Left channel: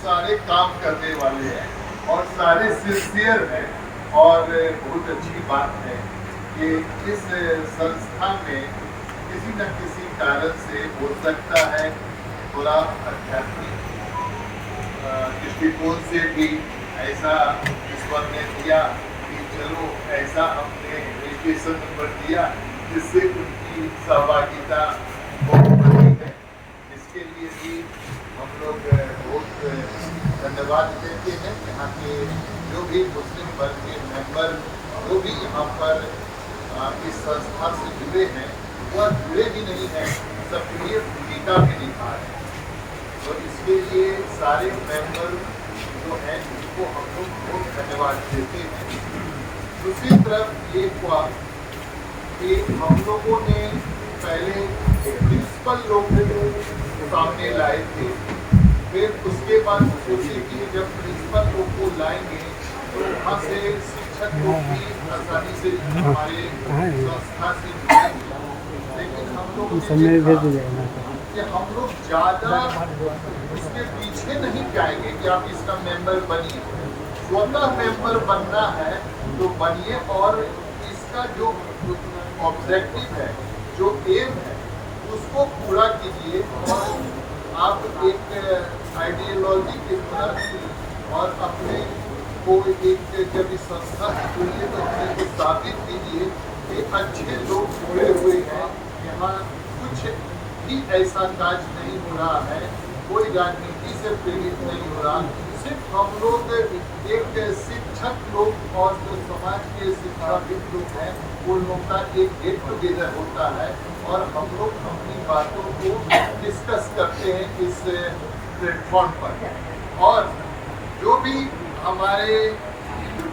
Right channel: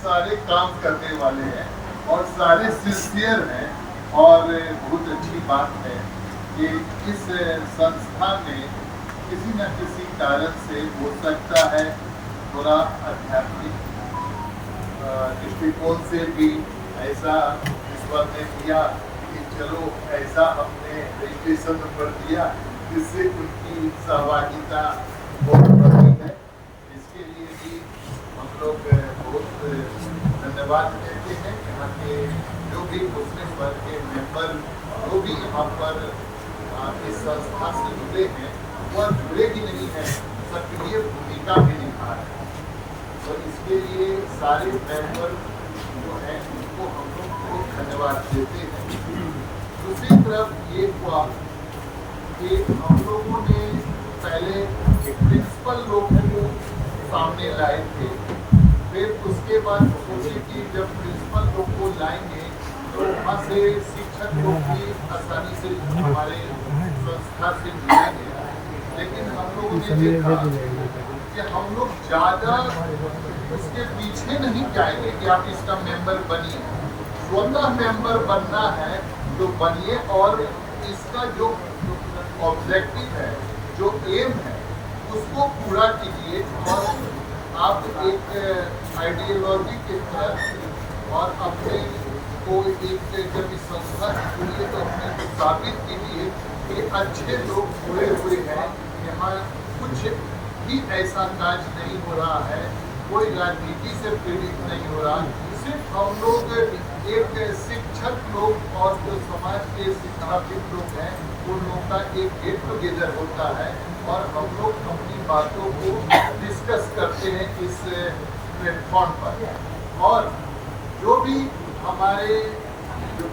सारे काम करने वाले हैं और सारे सिंसियर हैं। और बहुत अच्छी बात है कि इस संस्था में किसी न किसी कारण से हो सकता है थोड़ा आध्यात्मिक दृष्टिकोण से भी ऐसा ईश्वर ने दिया कि चलो ऐसा हमने रजिस्ट्रेशन नंबर दिया जिससे उनकी सहभागिता बहुत बड़ी है। इसके लिए भी हम लोग बहुत धन्यवाद देते हैं। यहाँ के जो भी मुस्लिम वर्ग के मेंबर जो भी यहाँ पर इस संस्था से जुड़े हैं वह जुड़े ही नहीं हैं, सक्रिय भूमिका में निभा रहे हैं। तो इसके लिए सारे मेंबर जो हैं उनको हम लोग बहुत धन्यवाद देते हैं। दूसरी तरफ ये हुआ कि हम लोगों ने पहले प्रिंसिपल लोग को सामने लाए थे, फिर उसके बाद सोचे कि जब प्रिंसिपल लोग को लाएंगे तो वहाँ से शिक्षक लोग भी आसानी से हमारे संस्था से जुड़ेंगे। लेकिन हम लोगों ने कि हम लोग ज़्यादा उसके पीछे नहीं जाएंगे कि आप इसका मेंबर बनिए। स्वतः मेंबर बनना है तो बनिए और इसका जो ऑब्जेक्टिव है, जो एम है, उसको पूरा कीजिए। और आप एक आइडियोलॉजी की तरह और अपने को एक जब इस संस्था से जुड़िए तो अपने को साबित कीजिए कि अच्छे लोग जुड़े हुए हैं। यहाँ कुछ भी ऐसा काज नहीं हो रहा है, कोई राजनीति से प्रेरित नहीं हो रहा। सिर्फ हम लोग एक शिक्षक लोग और जो समाज के शिक्षाविद लोग हैं उन लोगों का एक गेट टुगेदर होता है और हम लोग अपनी बातों को डिस्कस करते हैं इस प्लेटफॉर्म पर। और जो भी हमारे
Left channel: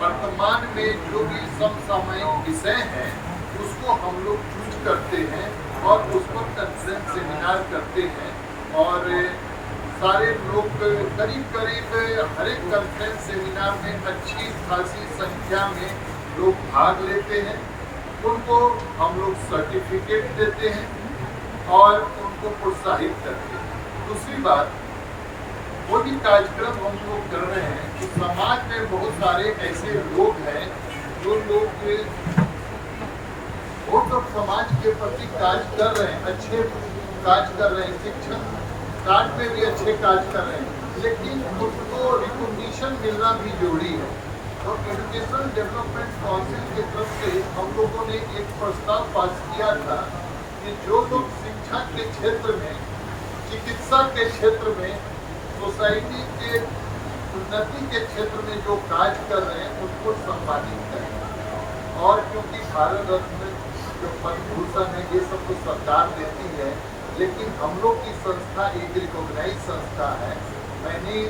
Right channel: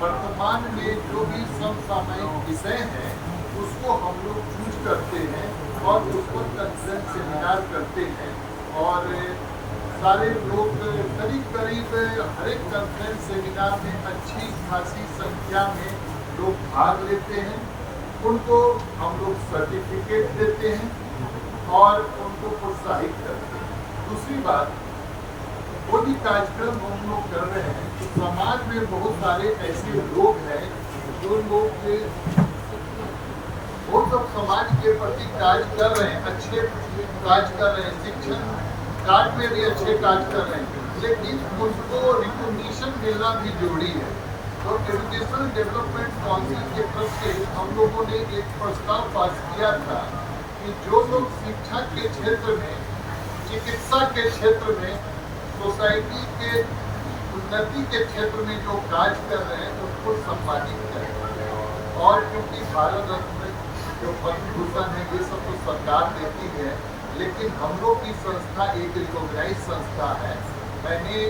वर्तमान में जो भी समसामयिक विषय हैं उसको हम लोग चूज करते हैं और उस पर कंसेंट सेमिनार करते हैं। और सारे लोग करीब हर एक कंसेंट सेमिनार में अच्छी खासी संख्या में लोग भाग लेते हैं। उनको हम लोग सर्टिफिकेट देते हैं और उनको प्रोत्साहित करते हैं। दूसरी बात, वो भी कार्यक्रम हम लोग कर रहे हैं तो समाज में बहुत सारे ऐसे लोग हैं जो लोग वो सब समाज के प्रति कार्य कर रहे हैं, अच्छे कार्य कर रहे हैं, शिक्षण कार्य में भी अच्छे कार्य कर रहे हैं, लेकिन उनको रिकॉग्निशन मिलना भी जरूरी है। तो एजुकेशन डेवलपमेंट काउंसिल की तरफ से हम लोगों ने एक प्रस्ताव पास किया था कि जो लोग शिक्षा के क्षेत्र में, चिकित्सा के क्षेत्र में, सोसाइटी के उन्नति के क्षेत्र में जो कार्य कर रहे हैं उनको सम्मानित करें। और क्योंकि भारत रत्न जो पद्म भूषण है ये सब तो सरकार देती है, लेकिन हम लोग की संस्था एक रिकॉग्नाइज संस्था है। मैंने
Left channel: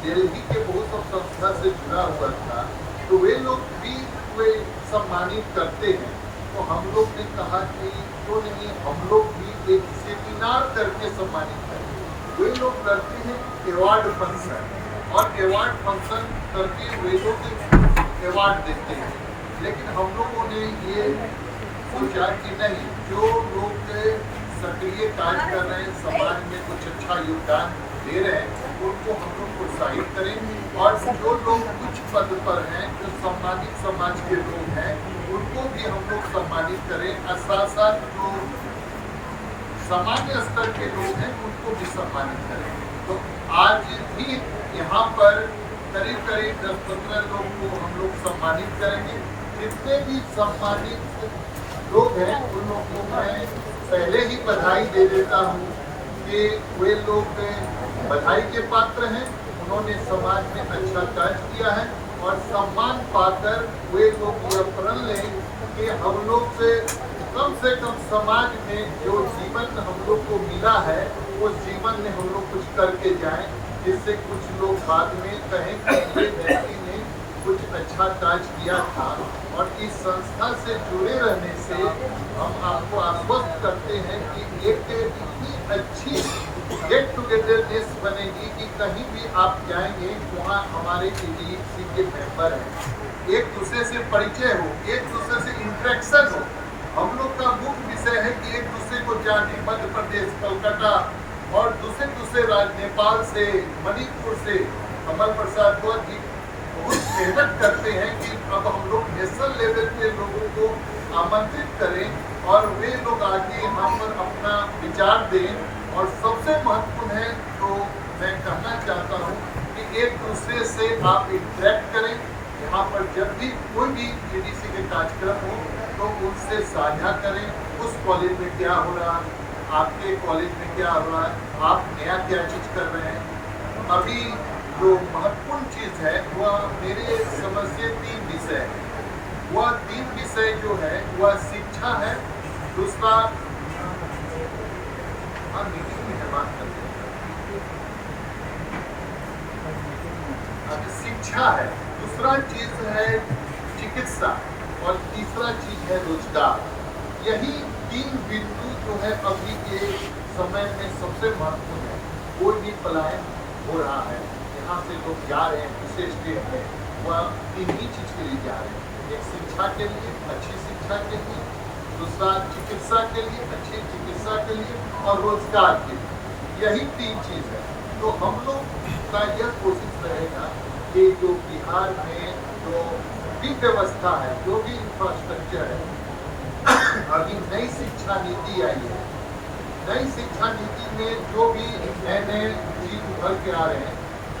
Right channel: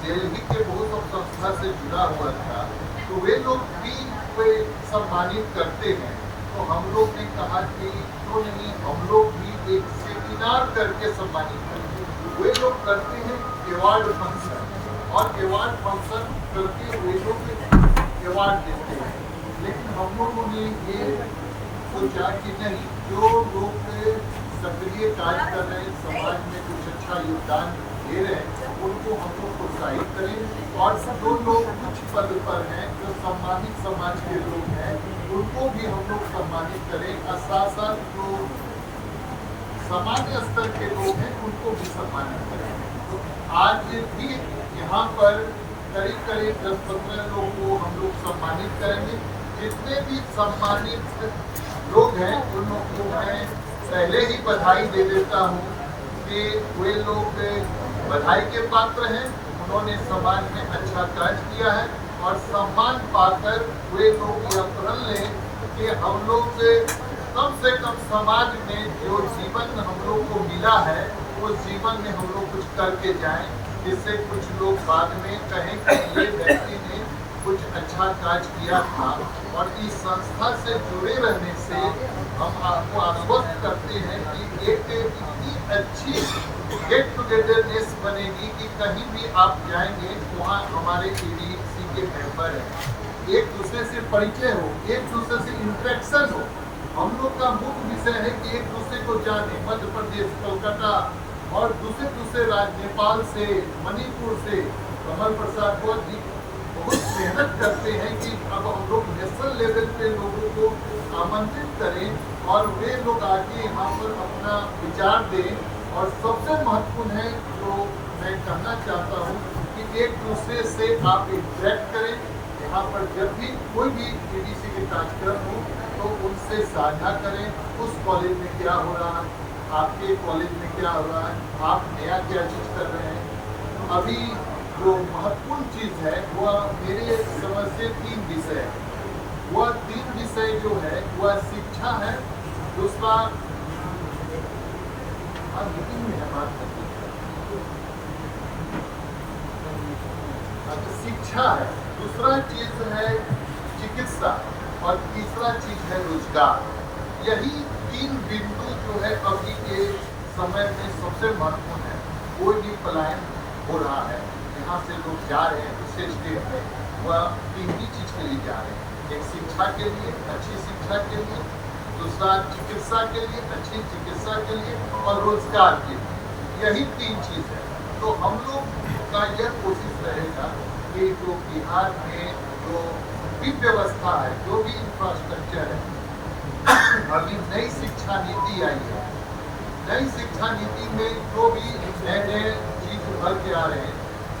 दिल्ली के बहुत सब संस्था से जुड़ा हुआ था तो वे लोग भी वे सम्मानित करते हैं। तो हम लोग ने कहा कि क्यों नहीं हम लोग भी एक सेमिनार करके सम्मानित करें। वे लोग करते हैं अवार्ड फंक्शन और अवार्ड फंक्शन करके वे लोग अवार्ड देते हैं। लेकिन हम लोगों ने ये सोचा कि नहीं, जो लोग सक्रिय कार्य कर रहे हैं, समाज में कुछ अच्छा योगदान दे रहे हैं, उनको हम लोग प्रोत्साहित करें। और जो लोग कुछ पद पर हैं, जो सम्मानित समाज के लोग हैं, उनको भी हम लोग सम्मानित करें। और साथ साथ जो सामान्य स्तर के लोग हैं उनको भी सम्मानित करें। तो आज भी यहाँ पर करीब 10-15 लोगों को हम लोग सम्मानित करेंगे। जितने भी सम्मानित लोग हैं उन लोगों को मैं पहले ही बधाई दे देता हूँ कि वे लोग बधाई के पात्र हैं, उन्होंने समाज में अच्छा कार्य किया है। और सम्मान पाकर वे लोग यह प्रण लें कि हम लोग कम से कम समाज में जो जीवन हम लोग को मिला है उस जीवन में हम लोग कुछ करके जाएं, जिससे कुछ लोग बाद में कहें कि ये व्यक्ति ने कुछ अच्छा कार्य किया था। और इस संस्था से जुड़े रहने से हम आपको आश्वस्त करते हैं कि एक इतनी अच्छी गेट टुगेदरनेस बनेगी कि कहीं भी आप जाएंगे वहाँ हमारे EDC के मेंबर हैं, एक दूसरे से परिचय हो, एक दूसरे से इंटरेक्शन हो। हम लोग का मुख्य विषय है कि एक दूसरे को जाने, मध्य प्रदेश, कोलकाता और दूसरे दूसरे राज्य, नेपाल से, मणिपुर से कमल प्रसाद गौर जी बहुत मेहनत करते हैं कि अब हम लोग नेशनल लेवल के लोगों को आमंत्रित करें और वे लोग आके यहाँ पर अपना विचार दें। और सबसे महत्वपूर्ण है जो मैं कहना चाहता हूँ कि एक दूसरे से आप इंटरेक्ट करें। यहाँ पर जब भी कोई भी एडीसी के कार्यक्रम हो तो उनसे साझा करें, उस कॉलेज में क्या हो रहा है, आपके कॉलेज में क्या हो रहा है, आप नया क्या चीज कर रहे हैं। अभी जो महत्वपूर्ण चीज है वह मेरे समझ से 3 विषय है। वह 3 विषय जो है वह शिक्षा है, दूसरा मीटिंग में है बात शिक्षा है, दूसरा चीज है चिकित्सा और तीसरा चीज है रोजगार। यही 3 बिंदु जो है अभी के समय में सबसे महत्वपूर्ण है। कोई भी पलायन हो रहा है, यहाँ से लोग जा रहे हैं दूसरे स्टेट में, वह 3 ही चीज के लिए जा रहे हैं। एक शिक्षा के लिए, अच्छी शिक्षा के लिए, दूसरा चिकित्सा के लिए, अच्छी चिकित्सा के लिए, और रोजगार के लिए। यही 3 चीज है। तो हम लोग का यह कोशिश रहेगा कि जो बिहार में जो भी व्यवस्था है, जो भी इंफ्रास्ट्रक्चर है, अभी नई शिक्षा नीति आई है, नई शिक्षा नीति में जो भी नए नए चीज उभर के आ रहे हैं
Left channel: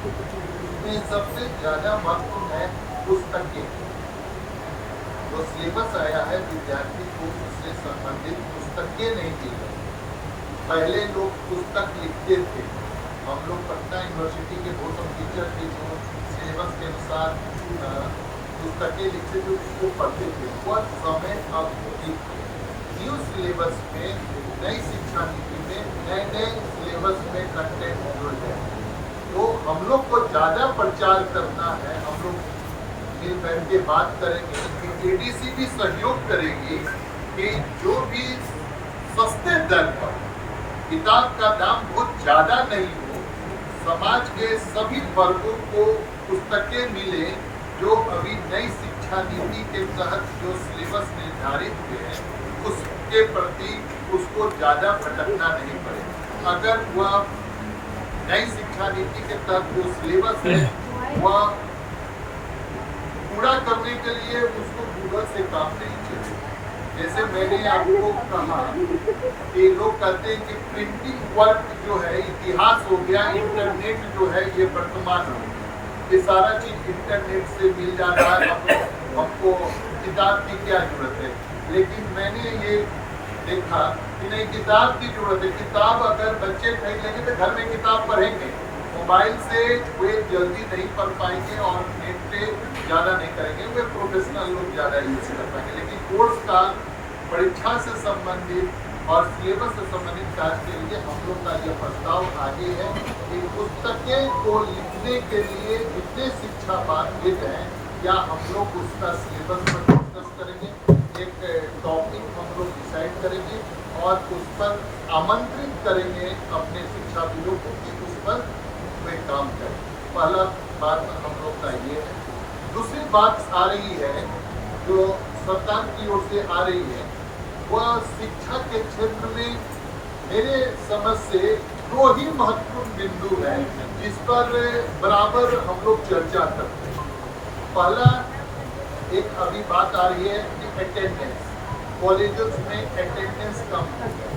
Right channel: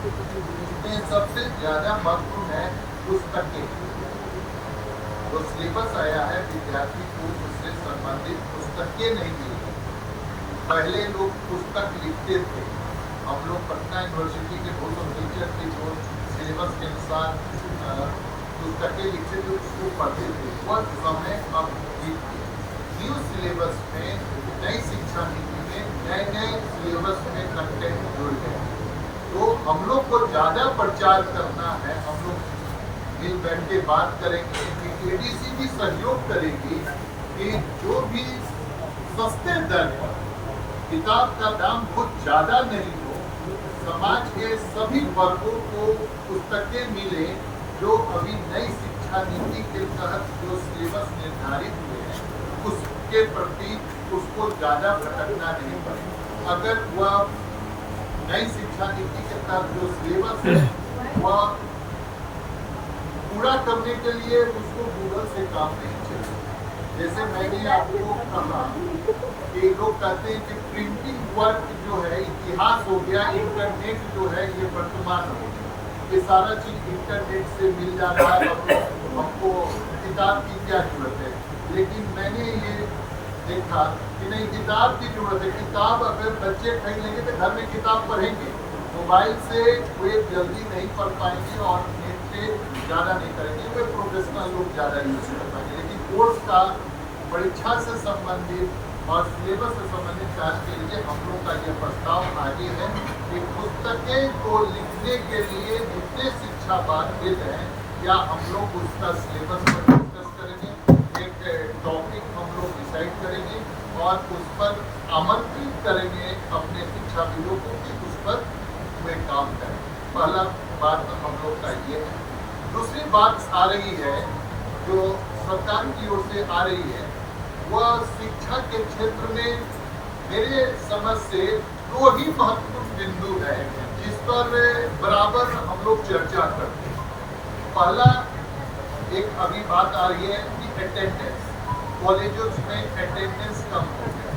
उसमें सबसे ज्यादा महत्वपूर्ण है पुस्तकें। तो सिलेबस आया है विद्यार्थी को उससे संबंधित पुस्तकें नहीं दी। पहले लोग पुस्तक लिखते थे, हम लोग पटना यूनिवर्सिटी के गौतम टीचर के जो सिलेबस के अनुसार पुस्तकें लिखते थे उसको पढ़ते थे। वह समय अब न्यू सिलेबस में, नई शिक्षा नीति में नए नए सिलेबस में कंटेंट जुड़ गए। तो हम लोग को ज्यादा प्रचार करना है, हम लोग मिल बैठ के बात करेंगे, एडीसी भी सहयोग करेगी कि जो भी सस्ते दर पर किताब का दाम बहुत ज्यादा नहीं हो, समाज के सभी वर्गों को पुस्तकें मिले। जो अभी नई शिक्षा नीति के तहत जो सिलेबस निर्धारित हुए हैं उसके प्रति उसको ज्यादा भटकना नहीं पड़ेगा। अगर वह नई शिक्षा नीति के तहत जो सिलेबस है वह पूरा करने के लिए उसको गूगल से काम नहीं चलेगा। जैसे मैंने आपको कहा कि लोग कहते हैं कि प्रिंटिंग वर्क जो है इतिहास हो गया, इंटरनेट जो है ये वर्तमान हो गया, ये सारा चीज इंटरनेट से मिल जाता है। हमको किताब की क्या जरूरत है? लेकिन मैंने ये देखा कि नहीं, किताब की जरूरत है। किताब अगर बच्चे खरीद लेंगे तो घर में किताब पढ़ेंगे, मोबाइल से वे जल्दी नहीं पढ़ पाएंगे और नेट पे ज़्यादा नहीं करेंगे, वे प्रोफेशनल लोग ज़्यादा यूज कर पाएंगे। लेकिन कोर्स का परीक्षा से संबंधित और सिलेबस से संबंधित कार्य के लिए हम लोग का यह प्रस्ताव आगे है कि पुस्तकें को लिखने के लिए जितने शिक्षा पात्रित हैं या हम लोग उसका सिलेबस पर डिस्कस करेंगे, एक टॉपिक हम लोग डिसाइड करेंगे और उस पर आमंत्रित करेंगे अपने शिक्षाविदों को कि उस पर वे काम करें। पहला बात हम लोग का ये है। दूसरी बात आ रही है जो सरकार की ओर से आ रही है, वह शिक्षा के क्षेत्र में मेरे समझ से 2 ही महत्वपूर्ण बिंदु है जिस पर बराबर हम लोग चर्चा करते हैं। पहला एक अभी बात आ रही है कि अटेंडेंस, कॉलेजों में अटेंडेंस कम हो गई।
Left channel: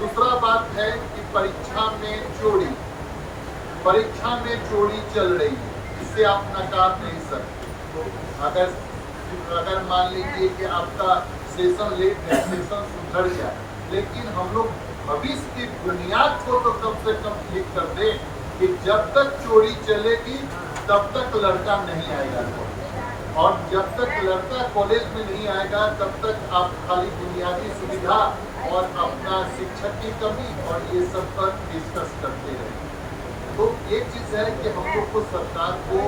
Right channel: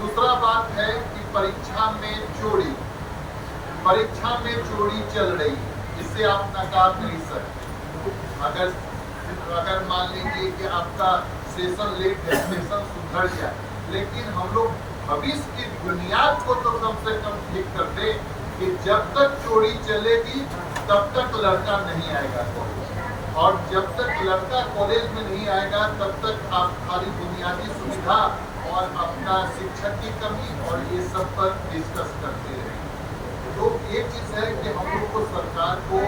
दूसरा बात है कि परीक्षा में चोरी चल रही है, इससे आप नकार नहीं सकते। अगर मान लीजिए कि आपका सेशन लेट है, सेशन सुधर जाए, लेकिन हम लोग भविष्य की बुनियाद को तो कम से कम ठीक कर दे कि जब तक चोरी चलेगी तब तक लड़का नहीं आएगा, और जब तक लड़का कॉलेज में नहीं आएगा तब तक आप खाली बुनियादी सुविधा और अपना शिक्षक की कमी और ये सब पर डिस्कस करते रहेंगे। तो ये चीज है कि हम लोग को सरकार को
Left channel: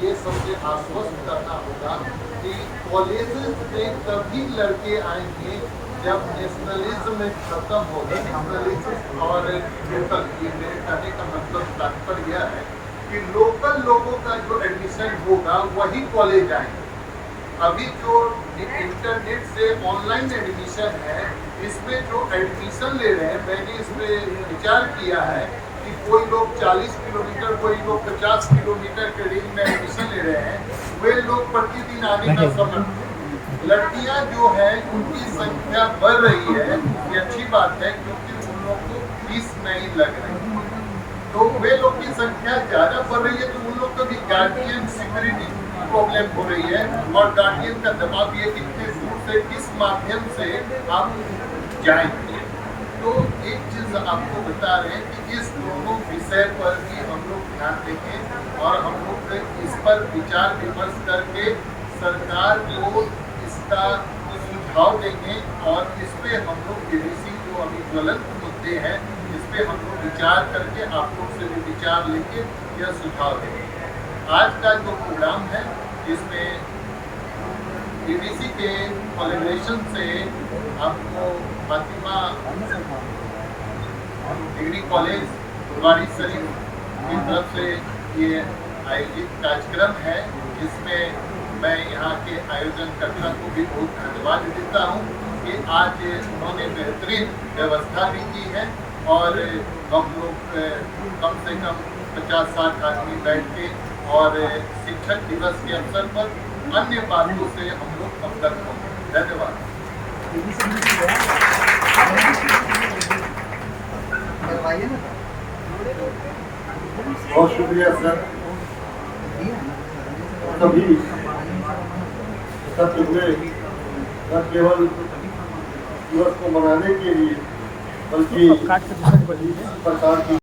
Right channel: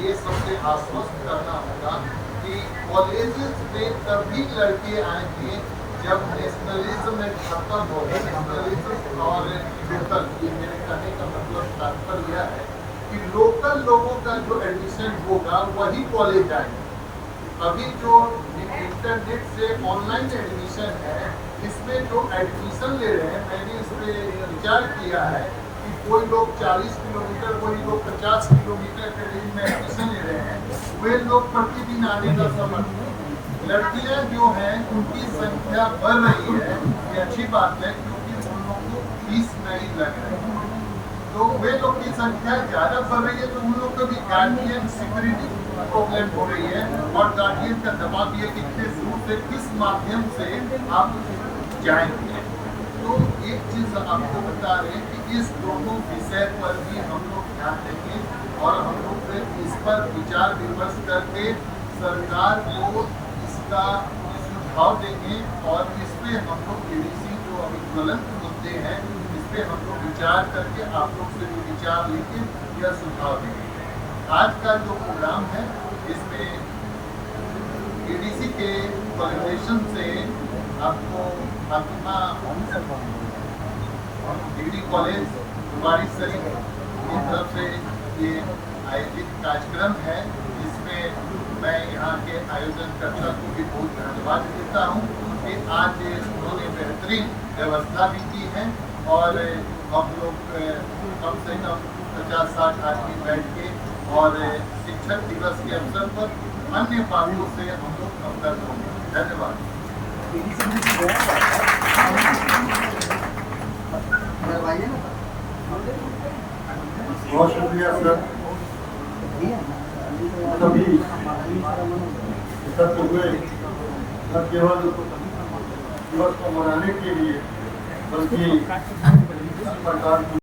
ये सबसे आश्वस्त करना होगा कि कॉलेजेस में तभी लड़के आएंगे जब नेशनलिज्म खत्म होगा। नेशनलिज्म और लोकल, ये मेरे कहने का मतलब तात्पर्य यह है कि लोकल लोगों का जो एडमिशन होगा वही कॉलेज आएंगे। अभी जो इंटरनेट से ऑनलाइन एडमिशन है इसमें जो एडमिशन ले रहे हैं, मैंने इसमें विचार किया है कि कोई लोग 40 किलोमीटर, कोई लोग 50 किलोमीटर के रेंज में एडमिशन ले रहे हैं, वे लोग प्रतिदिन आने का समर्थन है। लड़कियां जो हैं उनकी संख्या बढ़ रही है, ये अच्छी बात है, क्योंकि उन लोगों को फीस नहीं लग रही। तो वे लोग की संख्या ज्यादा बढ़ रही है, तो उन लोग को भी गार्डियन सिक्योरिटी प्रॉब्लम हो रही है, और गार्डियन का दबाव भी है कि किस रूप से, किस माध्यम से आप जाएंगे। तो एक चीज आपको बता रहे हैं कि इस दोनों विषय पर भी हम लोग ध्यान देंगे, और हम लोग इस पर विचार विमर्श करके सरकार को इसका सुझाव देंगे, और इस पे हम लोग एडीसी को अभी ज्वलंत मुद्दे हैं, इस पे हम लोग विचार करके आप लोग से भी विचार लेके यह सुझाव देंगे। आज का जो प्रोग्राम है, इसमें एडीसी के कोलैबोरेशन से आपको फातिमा डिग्री कॉलेज फुलवारी शरीफ की तरफ से ये आयोजित कार्यक्रम है, जिसमें मैं यहाँ के आयोजनकर्ता को भी बहुत धन्यवाद देता हूँ कि आज उन्होंने बेहतरीन व्यवस्था भी की है, और हम लोग कम से कम 50-60 आदमी बैठ के, और शिक्षक दिवस के अवसर पर अन्य बातों से हम लोग अवगत होंगे। धन्यवाद। बहुत शुक्रिया सर। सभी सब में न केवल दिवस को मनाने के लिए, बल्कि इस प्रकार की